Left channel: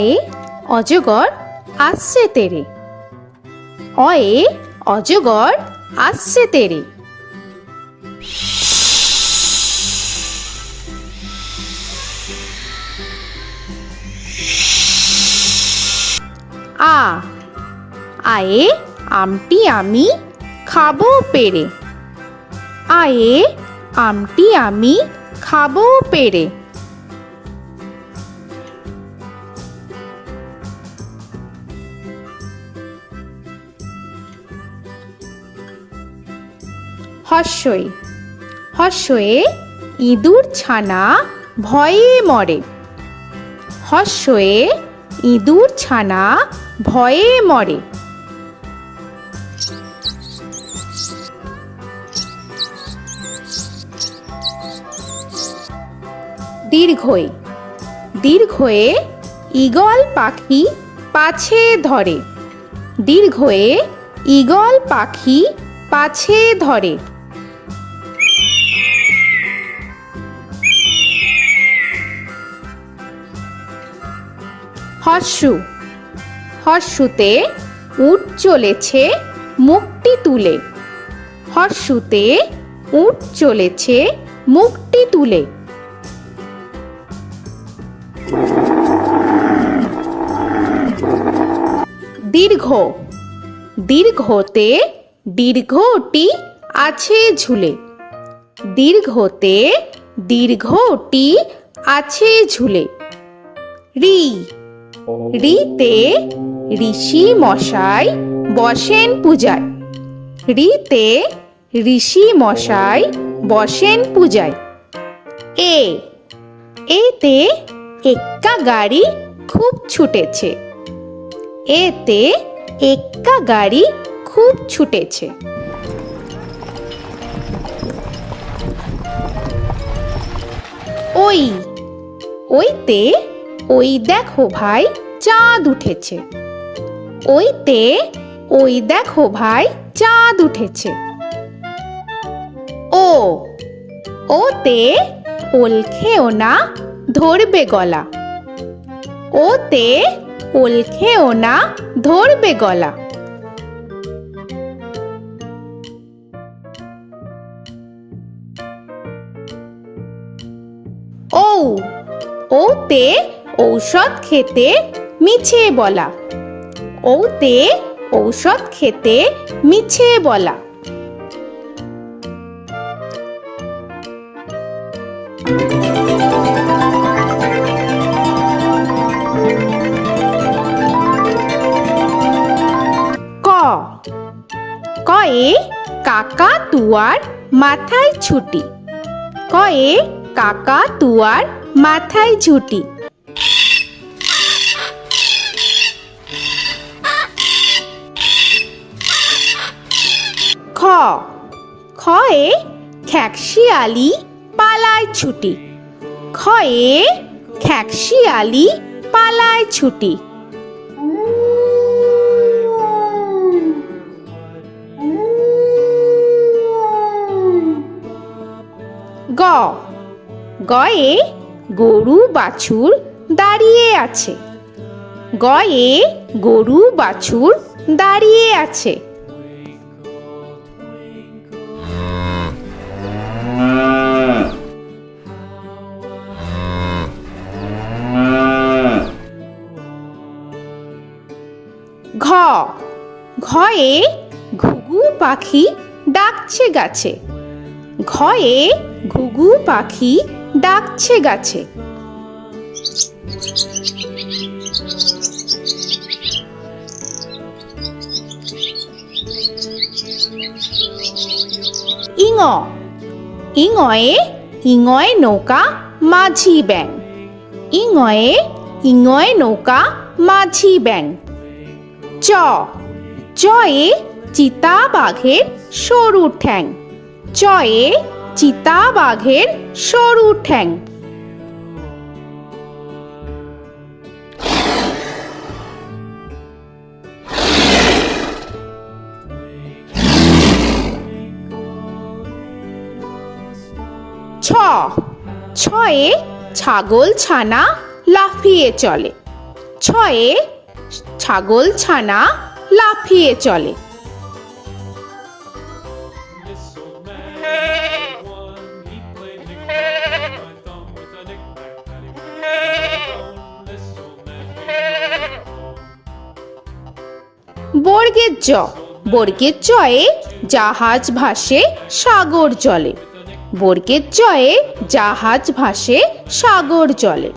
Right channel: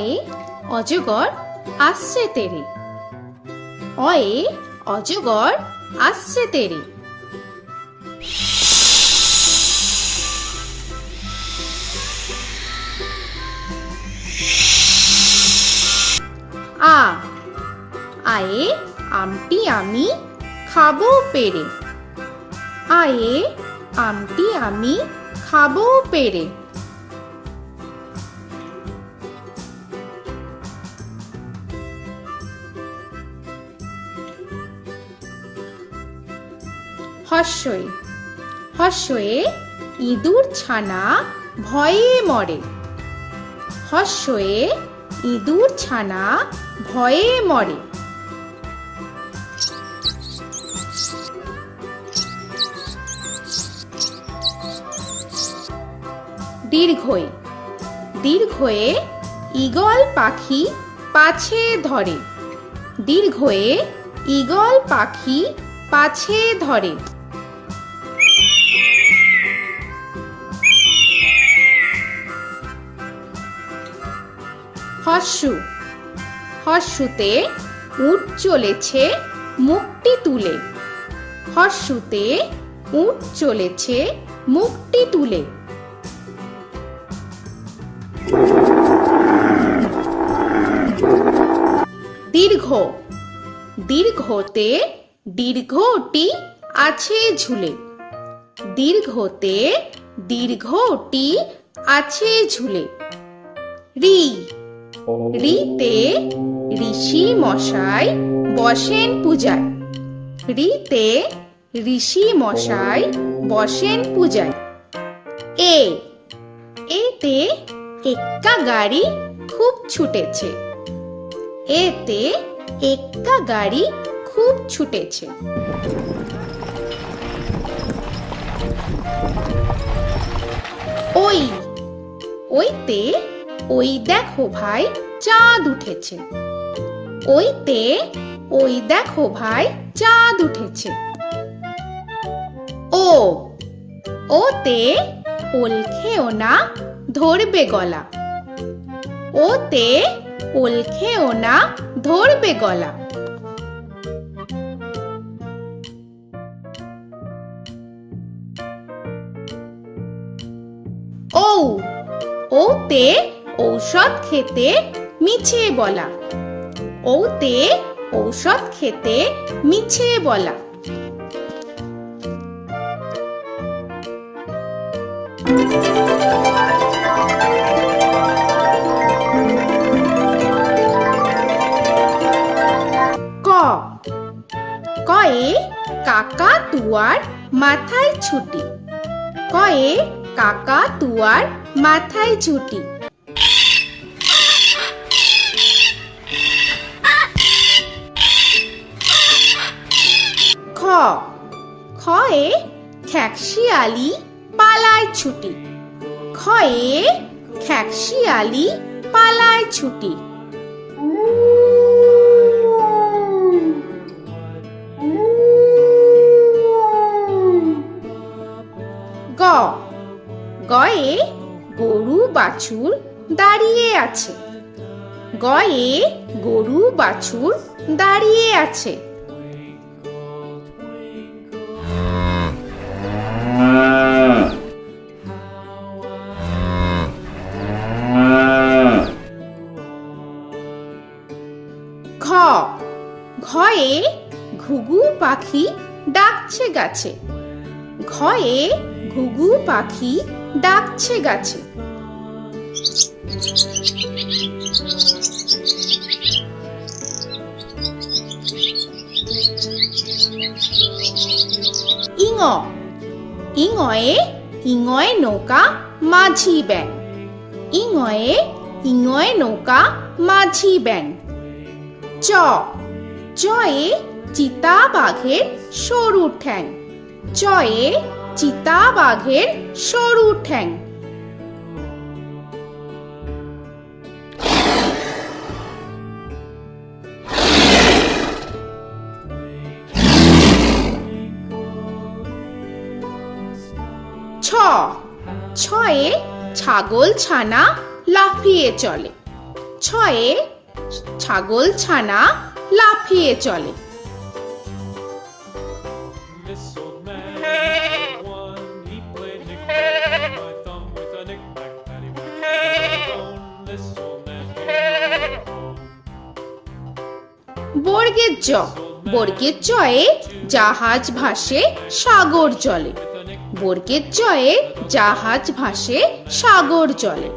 অয়ে অজগর আসছে তেরে। অয়ে অজগর আসছে তেরে। আ আয়ে আমটি আমি খাবো পেরে। আয়ে আমটি আমি খাবো পেরে। হর্ষই হর্ষয়ে ইঁদুর ছানা ভয়ে মরে। হর্ষয়ে ইঁদুর ছানা ভয়ে মরে। দীর্ঘই দীর্ঘয়ে ঈগল পাখি পাছে ধরে। দীর্ঘয়ে ঈগল পাখি পাছে ধরে। হর্ষু হর্ষুতে উট চলেছে মুখটি তুলে। হর্ষুতে উট চলেছে মুখটি তুলে। দীর্ঘ দীর্ঘতে দীর্ঘটি আছে ঝুলে। দীর্ঘতে দীর্ঘটি আছে ঝুলে। রি রিতে ঋষি মশাই বসেন পূজায়। রিতে ঋষি মশাই বসেন পূজায়। এ এতে এক্কা গাড়ি খুব ছুটেছে। এতে এক্কা গাড়ি খুব ছুটেছে। ওই ওইতে ওই দেখো ভাই চাঁদ উঠেছে। ওইতে ওই দেখো ভাই চাঁদ উঠেছে। ও ওতে ওল খেও না ধরবে গলা। ওতে ওল খেও না ধরবে গলা। ঔ ওতে ঔষধ খেতে মিছে বলা। ওতে ঔষধ খেতে মিছে বলা। ক কয়ে কাকা তুয়ার মাথায় ছুটি। কয়ে কাকা তুয়ার মাথায় ছুটি। খ খয়ে খ্যাকশিয়ালি পালায় ছুটি। খয়ে খ্যাকশিয়ালি পালায় ছুটি। গ গয়ে গরু বাছুর দাঁড়িয়ে আছে। গয়ে গরু বাছুর দাঁড়িয়ে আছে। ঘ ঘয়ে ঘুঘু পাখি ডাকছে গাছে। ঘয়ে ঘুঘু পাখি ডাকছে গাছে। ইঙ ইঙয়ে ইঙয় নৌকা মাঝি ব্যাং। ইঙয়ে ইঙয় নৌকা মাঝি ব্যাং। চ চয়ে চিতা বাঘের সরু ঠ্যাং। চয়ে চিতা বাঘের সরু ঠ্যাং। ছ ছয়ে ছাগল ছানা লাফিয়ে চলে। ছয়ে ছাগল ছানা লাফিয়ে চলে। This old man had one. He played knick-knack on my thumb with a knick-knack, paddywhack, bone. This old man came home. বর্গের জ, বর্গের জয়ে জাহাজ ভাসে সাগর জলে। বর্গের জয়ে জাহাজ ভাসে সাগর জলে।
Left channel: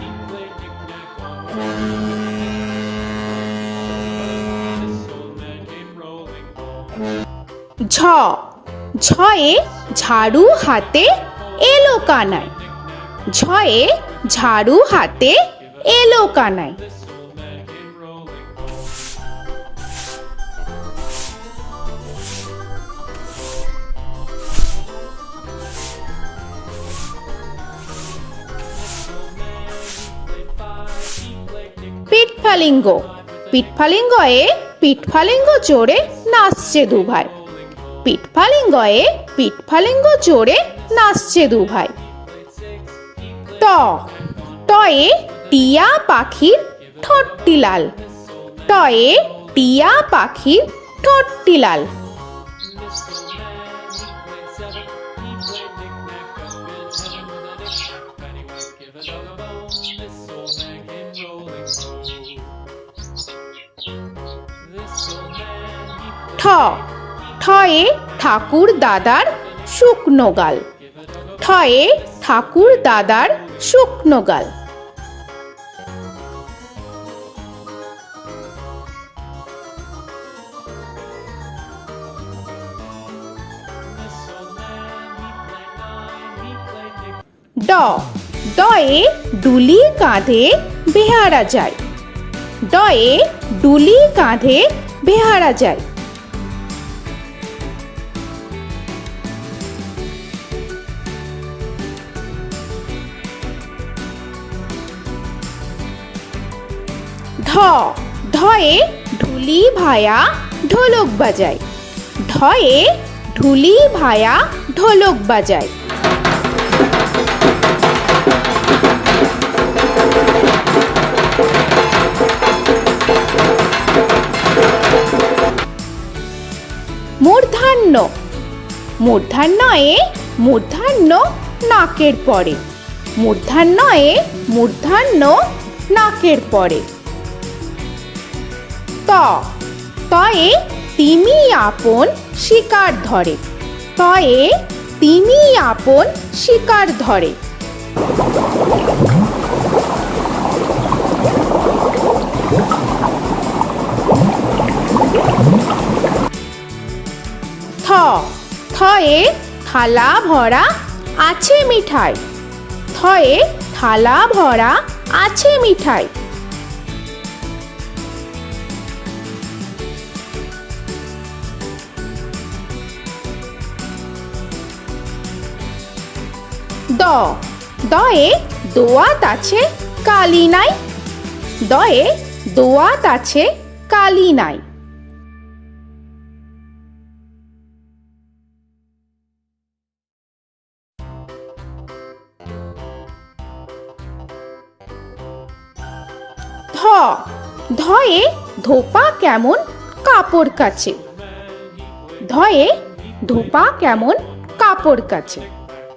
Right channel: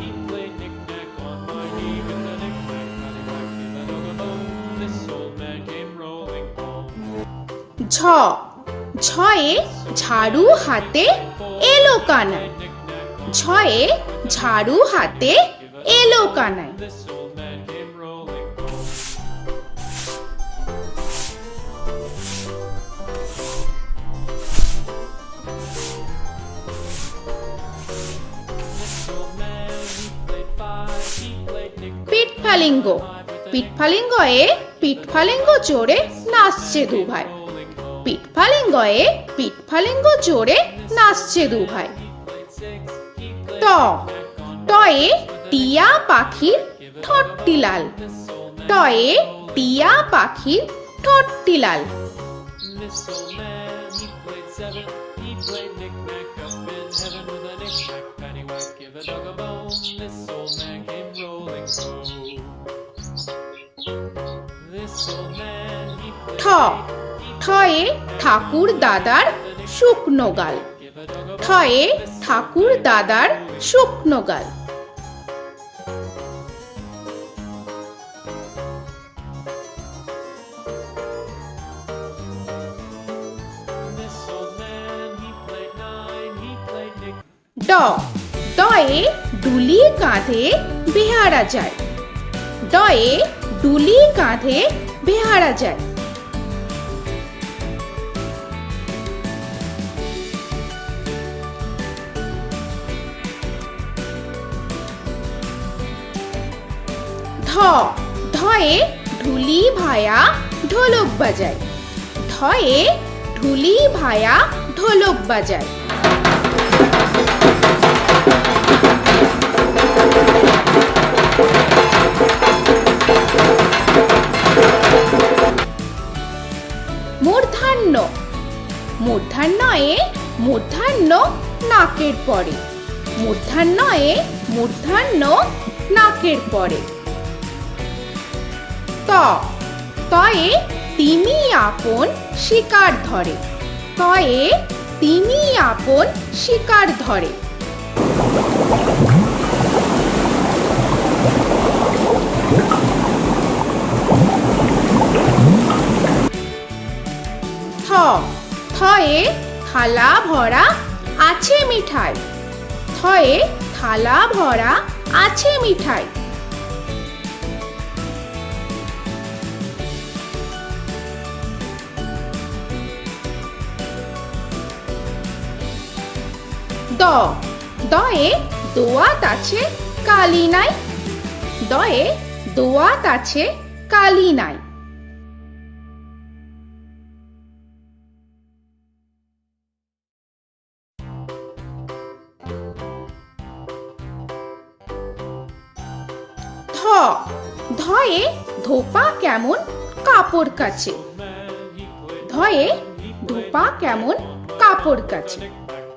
He played knick-knack on my knee with a knick-knack, bone. This old man came rolling home. ঝ, ঝয়ে ঝাড়ু হাতে এলো কানাই। ঝয়ে ঝাড়ু হাতে এলো Kanai. This old man came rolling home. This old man, he played five. He played knick-knack. পিঠফালিঙ্গ, পিঠফালিঙ্গয়ে পিঠফালিঙ্গ চড়ে নাচছে দু ভাই। পিঠফালিঙ্গয়ে পিঠফালিঙ্গ চড়ে নাচছে দু ভাই। ট, টয়ে টিয়া পাখির ঠোঁটটি লাল। টয়ে টিয়া পাখির ঠোঁটটি লাল। This old man, he played seven. He played knick-knack up in heaven with a knick-knack, paddywhack, give a dog a bone. This old man came rolling home. This old man, he ঠ, played ঠয়ে ঠাকুর দাদার শুকনো গাল। give a dog a ঠয়ে ঠাকুর দাদার শুকনো গাল। This old man, he played nine. He played knick. ড, ডয়ে ডুলি কাঁধে বেহারা যায়। ডয়ে ডুলি কাঁধে বেহারা যায়। ধ, ধয়ে ঢুলি ভায়া ঢোলক বাজায়। ধয়ে ঢুলি ভায়া ঢোলক বাজায়। মূর্ধন্য, মূর্ধন্যয়ে মূর্ধন্য নাকের পরে। মূর্ধন্যয়ে মূর্ধন্য নাকের পরে। ত, তয়ে তিমি আপন শিকার ধরে। তয়ে তিমি আপন শিকার ধরে। থ, থয়ে থালা ভরা আছে মিঠাই। থয়ে থালা ভরা আছে মিঠাই। দ, দয়ে দোয়াত আছে কালি নাই। দয়ে দোয়াত আছে কালি নাই। ধ, ধয়ে ধোপা কেমন কাপড় কাছে। ধয়ে ধোপা কেমন কাপড় কাছে।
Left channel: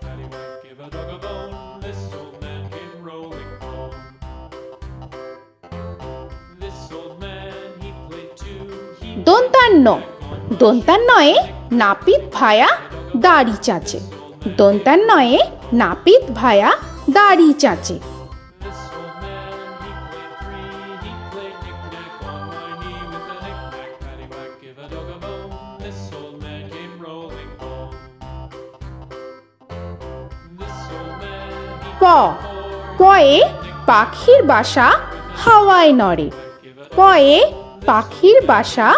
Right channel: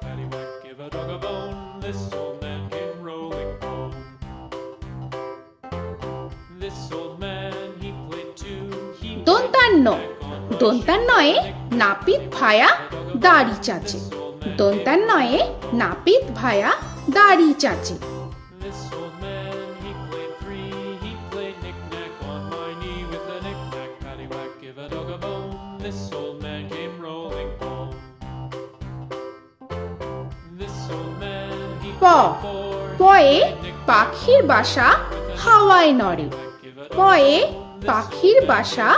Paddywhack, give a dog a bone. This old man came rolling home. This old man, he played two. He দন্তান্ন, দন্তান্নয়ে নাপিত ভায়া দাড়ি চাচে। দন্তান্নয়ে নাপিত ভায়া দাড়ি চাচে। This old man, he played three. He played knick-knack on my knee with a knick-knack, paddywhack, give a dog a bone. This old man came rolling home. This old man, he প, played four. পয়ে পাখির বাসা হাওয়ায় নড়ে। পয়ে পাখির বাসা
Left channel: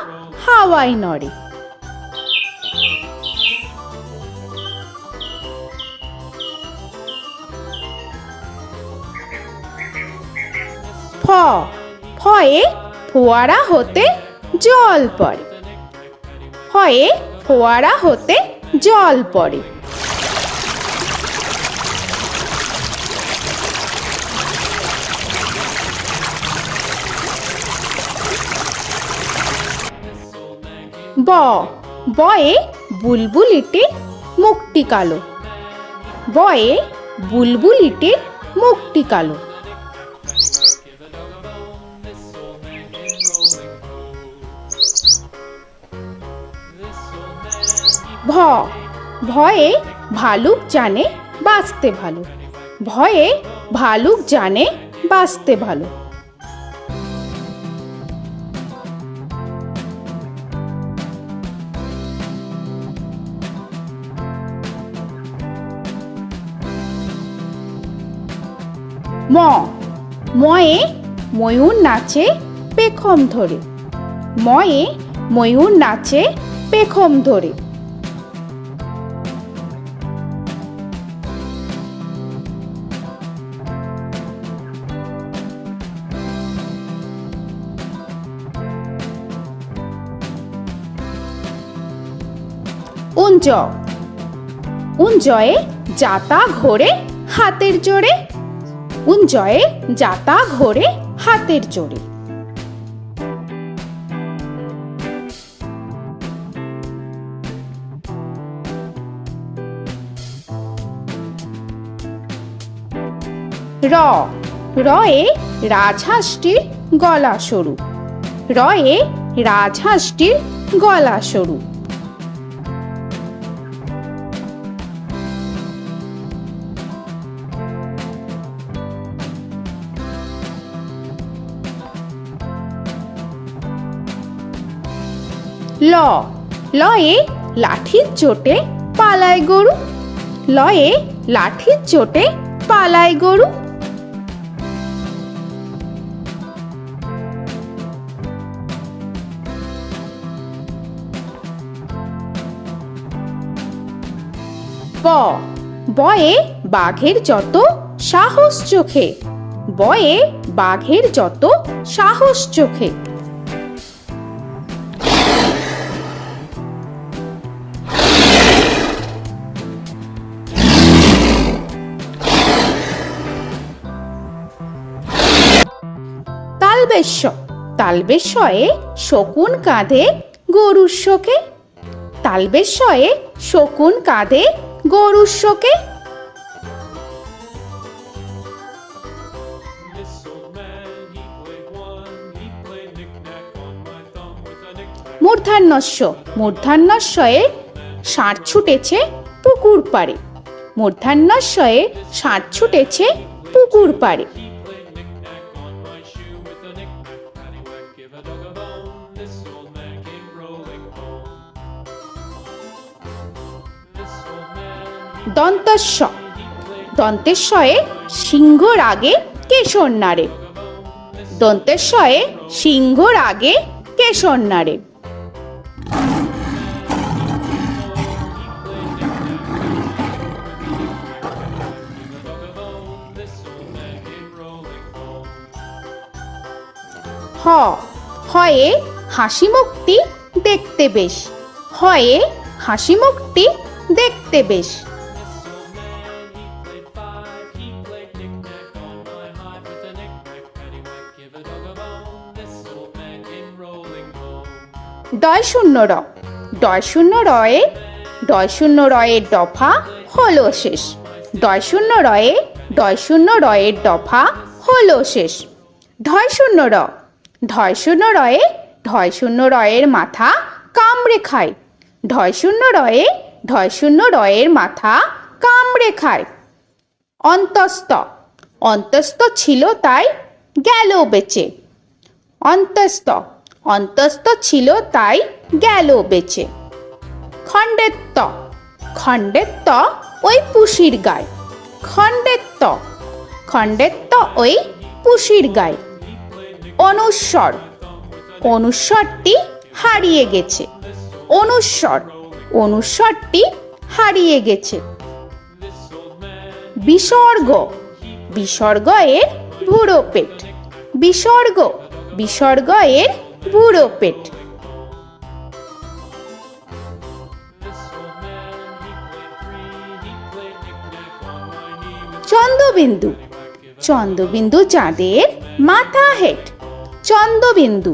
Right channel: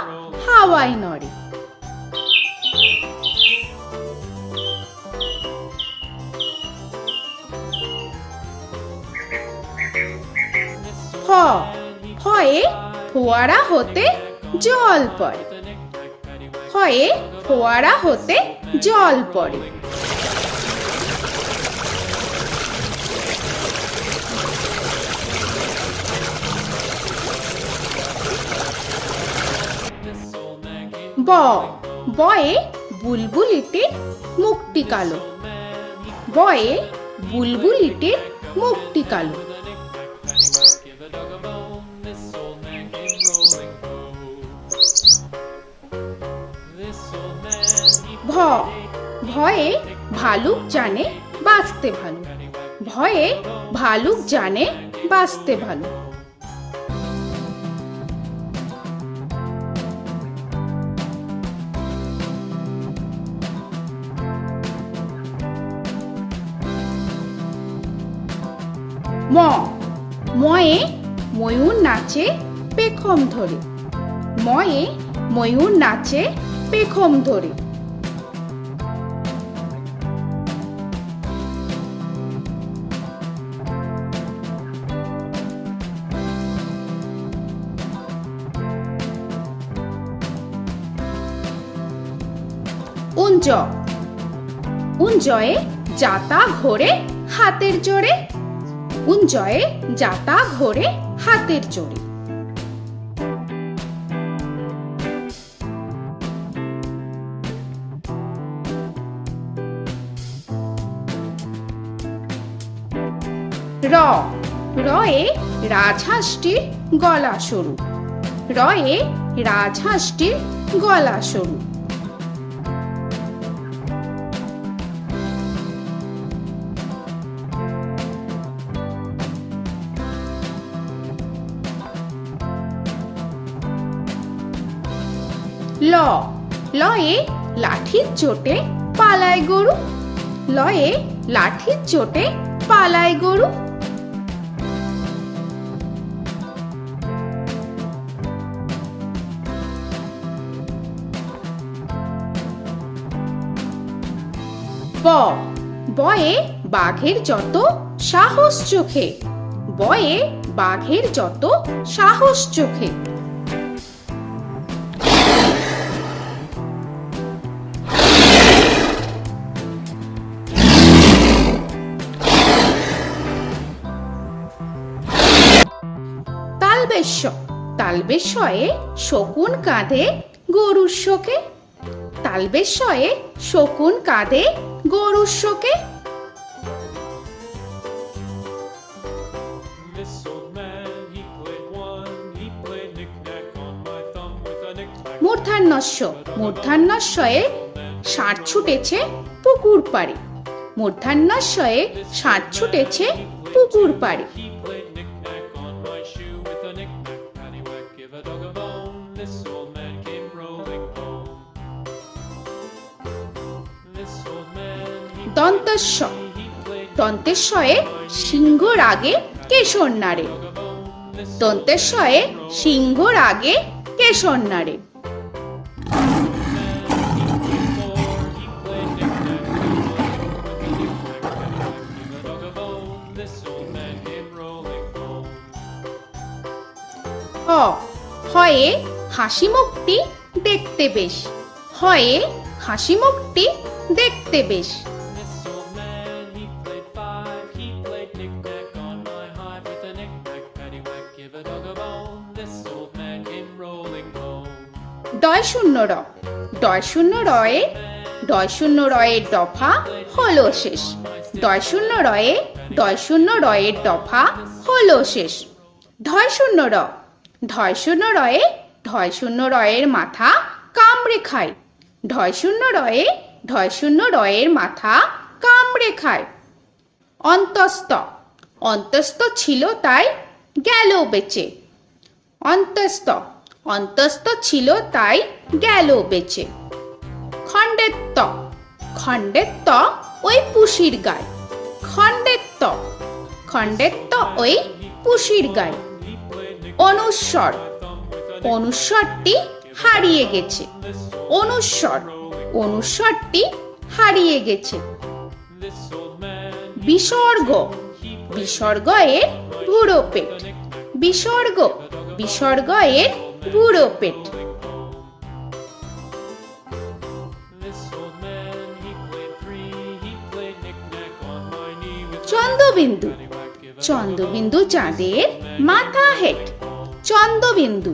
হাওয়ায় নড়ে। ফ, ফয়ে ফোয়ারা হতে জল পড়ে। ফয়ে ফোয়ারা হতে জল পড়ে। ব বয়ে বুলবুলিটির মুখটি কালো। বয়ে বুলবুলিটির মুখটি কালো। Give a dog a bone, this old man came rolling home. This old man, he ভ ভয়ে ভালুক জানে বাঁচতে ভালো। ভয়ে ভালুক জানে বাঁচতে ভালো। ম ময়ে ময়ূর নাচে পেখম ধরে। ময়ে ময়ূর নাচে পেখম ধরে। উঞ্জ উঞ্জয়ে যাতা ঘোরে হাতের জোরে। উঞ্জয়ে যাতা ঘোরে হাতের জোরে। র রয়ে রাজহাঁসটির গলা সরু। রয়ে রাজহাঁসটির গলা সরু। ল লয়ে লাঠির চোটে পালায় গরু। লয়ে লাঠির চোটে পালায় গরু। ব বয়ে বাঘের যত সাহস চোখে। বয়ে বাঘের যত সাহস চোখে। তালবেশ্য তালবেশ্যয়ে শকুন কাঁধে গরুর শোকে। তালবেশ্যয়ে শকুন কাঁধে গরুর শোকে। This old man, he played one, he played knick-knack on my thumb with a knick-knack. মূর্ধন্যস্য মূর্ধন্যস্বয়ে ষাঁড় ছুটেছে পুকুর পাড়ে। মূর্ধন্যস্বয়ে ষাঁড় ছুটেছে পুকুর পাড়ে। He played knick-knack on my shoe with a knick-knack, paddywhack, give a dog a bone. This old man came rolling home. This old man, দন্তস্ব he played দন্তেশ্বয়ে সিংহর আগে কেশর নাড়ে। dog a bone. This দন্তেশ্বয়ে সিংহর আগে কেশর নাড়ে। he played knick-knack on my shoe with a knick-knack, paddywhack, give a dog a bone. This old man came rolling home. হ হয়ে হাসি মুখটি দেখতে বেশ। হয়ে হাসি মুখটি দেখতে বেশ। This old man, he played five, he played knick-knack on my hive with a knick-knack, paddywhack, give a dog a bone. This old man came rolling home. ডয় শূন্য র ডয় শূন্য রয়ে ডয় শূন্য রয়ের দফা হলো শেষ। ডয় শূন্য রয়ে ডয় শূন্য রয়ের দফা হলো শেষ। ঢয় শূন্য র ঢয় শূন্য রয়ে ঢয় শূন্য রয়ের মাথা কামড়ে খায়। ঢয় শূন্য রয়ে ঢয় শূন্য রয়ের মাথা কামড়ে খায়। অন্তস্ত অন্তস্ত ছিল তাই গেল বেঁচে। অন্তস্ত অন্তস্ত ছিল তাই গেল বেঁচে। খণ্ডেত্ব খণ্ডেত্ব ওই পুষির গায়। খণ্ডেত্ব খণ্ডেত্ব ওই পুষির গায়। অনুস্বর অনুস্বরটি হারিয়ে গেছে। অনুস্বর অনুস্বরটি হারিয়ে গেছে। This old man, বিসর্গ বিসর্গ এর বুড়ো পেট। বিসর্গ বিসর্গ এর বুড়ো পেট। this old man, he played three, he played knick-knack on my knee with Chandrabindu paddywhack, give a Chandrabindu চাঁদের মাথা হেট। চন্দ্রবিন্দু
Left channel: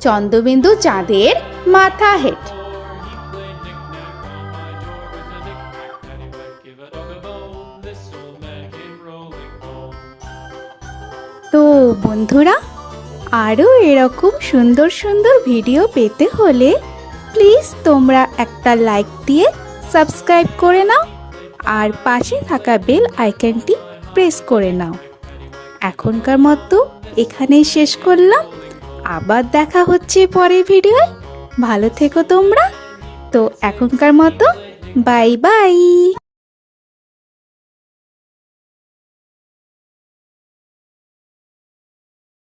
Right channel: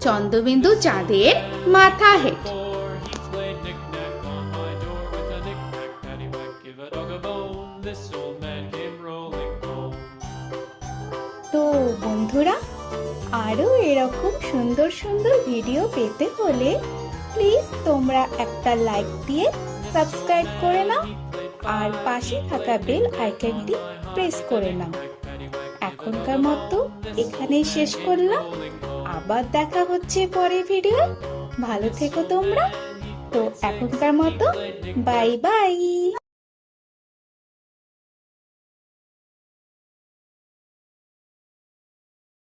চন্দ্রবিন্দু চাঁদের মাথা head. Before he played knick-knack on my door with a knick-knack, paddywhack, give a dog a bone. This old man came rolling home. তো বন্ধুরা, আরও এরকম সুন্দর সুন্দর ভিডিও পেতে হলে প্লিজ তোমরা একটা লাইক দিয়ে সাবস্ক্রাইব করে নাও আর পাশে থাকা বেল আইকনটি প্রেস করে নাও। এখনকার মতো এখানেই শেষ করলাম, আবার দেখা হচ্ছে পরের ভিডিও। ভালো থেকো তোমরা। তো এখনকার মতো বাই বাই।